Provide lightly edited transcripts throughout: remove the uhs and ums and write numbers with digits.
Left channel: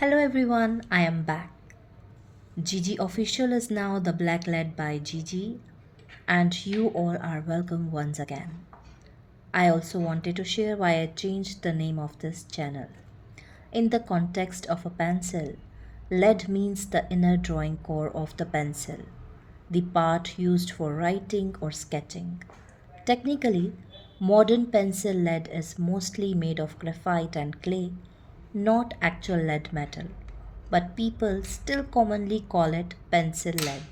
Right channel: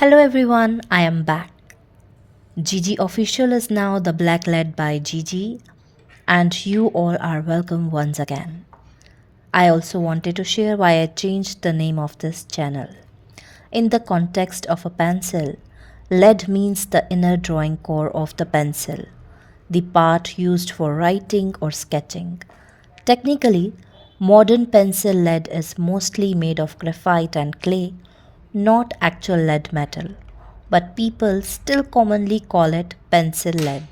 Hello everyone, I am back. Gigi Official is now the Black Led by Gigi, and you all are welcome once again. I also wanted to share why I changed the name of this channel. In the context of a pencil, lead means the inner drawing core of the pencil, the part used for writing or sketching. Technically, modern pencil lead is mostly made of graphite and clay, not actual lead metal, but people still commonly call it pencil lead.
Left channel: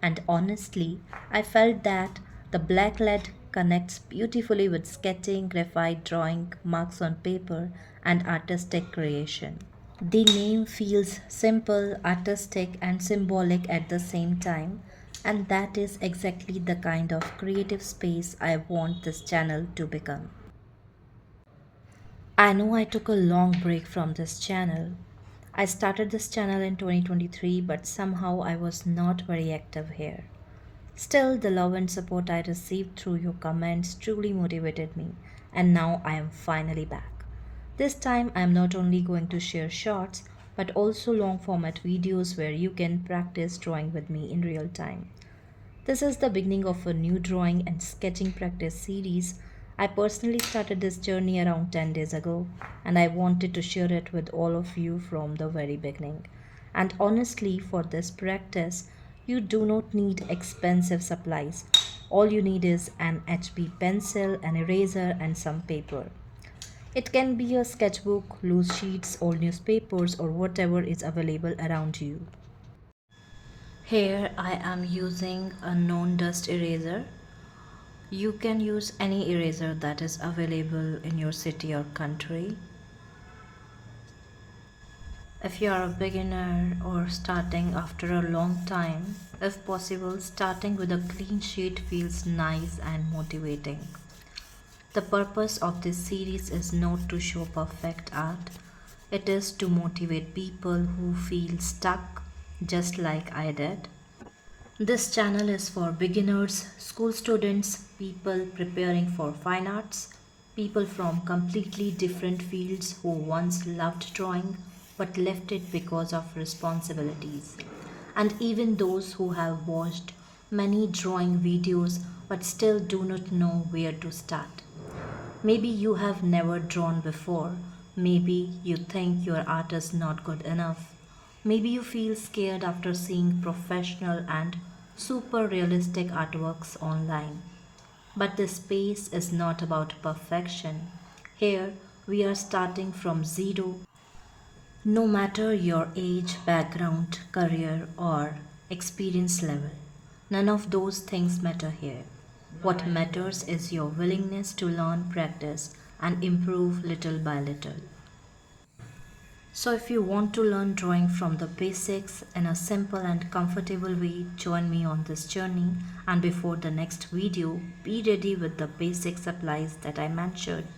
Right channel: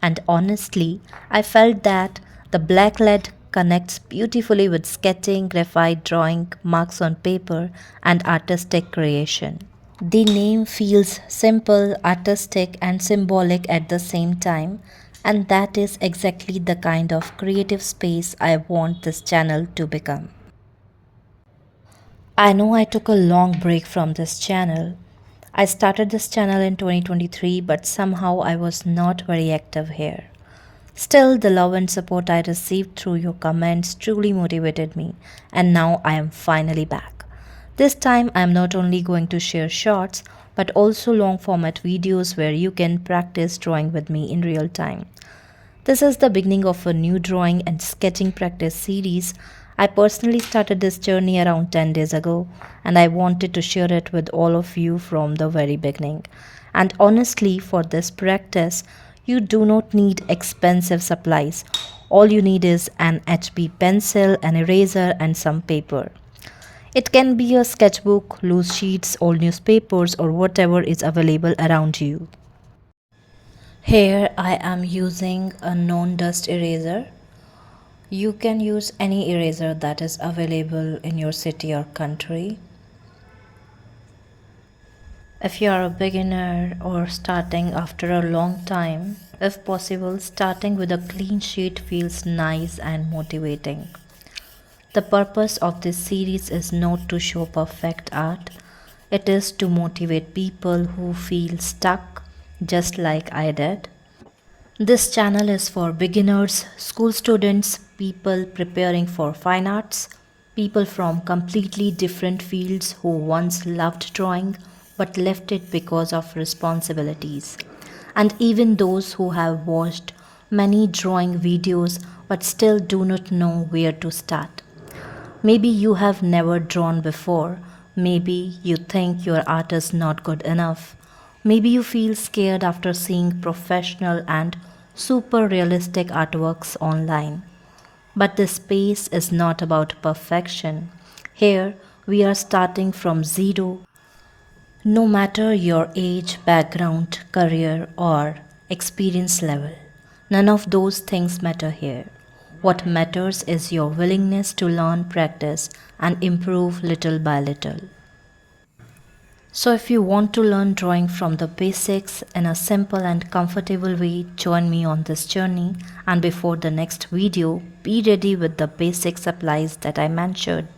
And honestly, I felt that the black lead connects beautifully with sketching, graphite drawing, marks on paper, and artistic creation. The name feels simple, artistic, and symbolic at the same time, and that is exactly the kind of creative space I want this channel to become. I know I took a long break from this channel. I started this channel in 2023, but somehow I was not very active here. Still, the love and support I received through your comments truly motivated me, and now I am finally back. This time, I am not only going to share shorts, but also long format videos where you can practice drawing with me in real time. This is the beginning of a new drawing and sketching practice series. I personally started this journey around 10 days ago, and I wanted to share it with all of you from the very beginning. And honestly, for this practice, you do not need expensive supplies. All you need is an HB pencil, an eraser, and some paper. It can be a sketchbook, loose sheets, old newspapers, or whatever is available around you. Here I am using a non-dust eraser. You can use any eraser that is available in your city or country. If you are a beginner or starting after a long time, if possible, starting with a clean sheet feels nice and motivating. The purpose of this series is not to show perfect art, it is to motivate people who feel stuck, just like I did. This channel is for beginners, school students, people preparing for fine arts, people from completely different fields who once loved drawing but left it because of responsibilities, and even those who have watched many drawing videos but still do not know where to start. Maybe you have never drawn before. Maybe you think your art is not good enough. Maybe you feel scared after seeing professional and super realistic artworks online. But this space is not about perfection. Here, we are starting from zero. No matter your age, background, career, or experience level, none of those things matter here. What matters is your willingness to learn, practice, and improve little by little. So, if you want to learn drawing from the basics in a simple and comfortable way, join me on this journey. And before the next video, be ready with the basic supplies that I mentioned.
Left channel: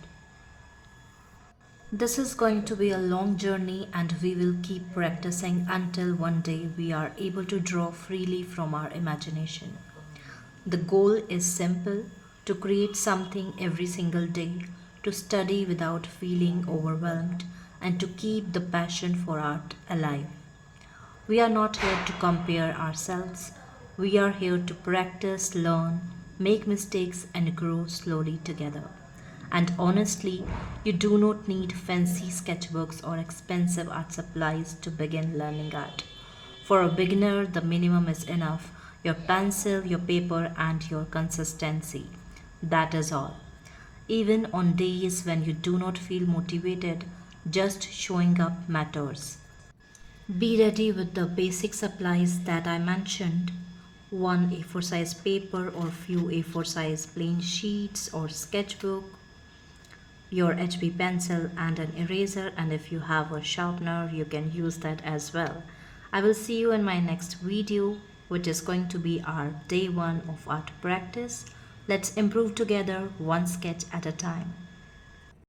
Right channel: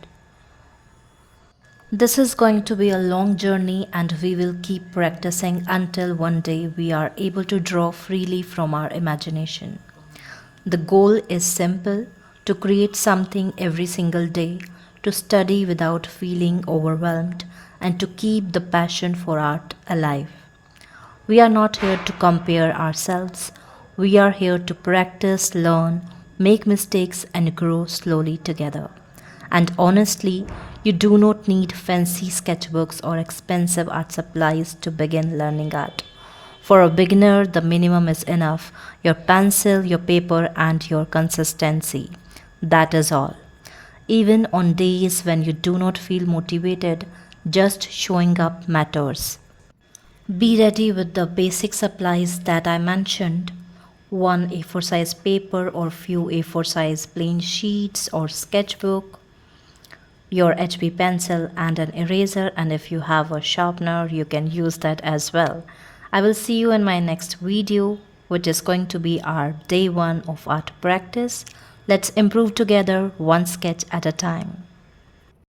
This is going to be a long journey, and we will keep practicing until one day we are able to draw freely from our imagination. The goal is simple: to create something every single day, to study without feeling overwhelmed, and to keep the passion for art alive. We are not here to compare ourselves, we are here to practice, learn, make mistakes, and grow slowly together. And honestly, you do not need fancy sketchbooks or expensive art supplies to begin learning art. For a beginner, the minimum is enough: your pencil, your paper, and your consistency. That is all. Even on days when you do not feel motivated, just showing up matters. Be ready with the basic supplies that I mentioned: one A4 size paper or few A4 size plain sheets or sketchbook, your HB pencil and an eraser, and if you have a sharpener you can use that as well. I will see you in my next video, which is going to be our day 1 of art practice. Let's improve together, one sketch at a time.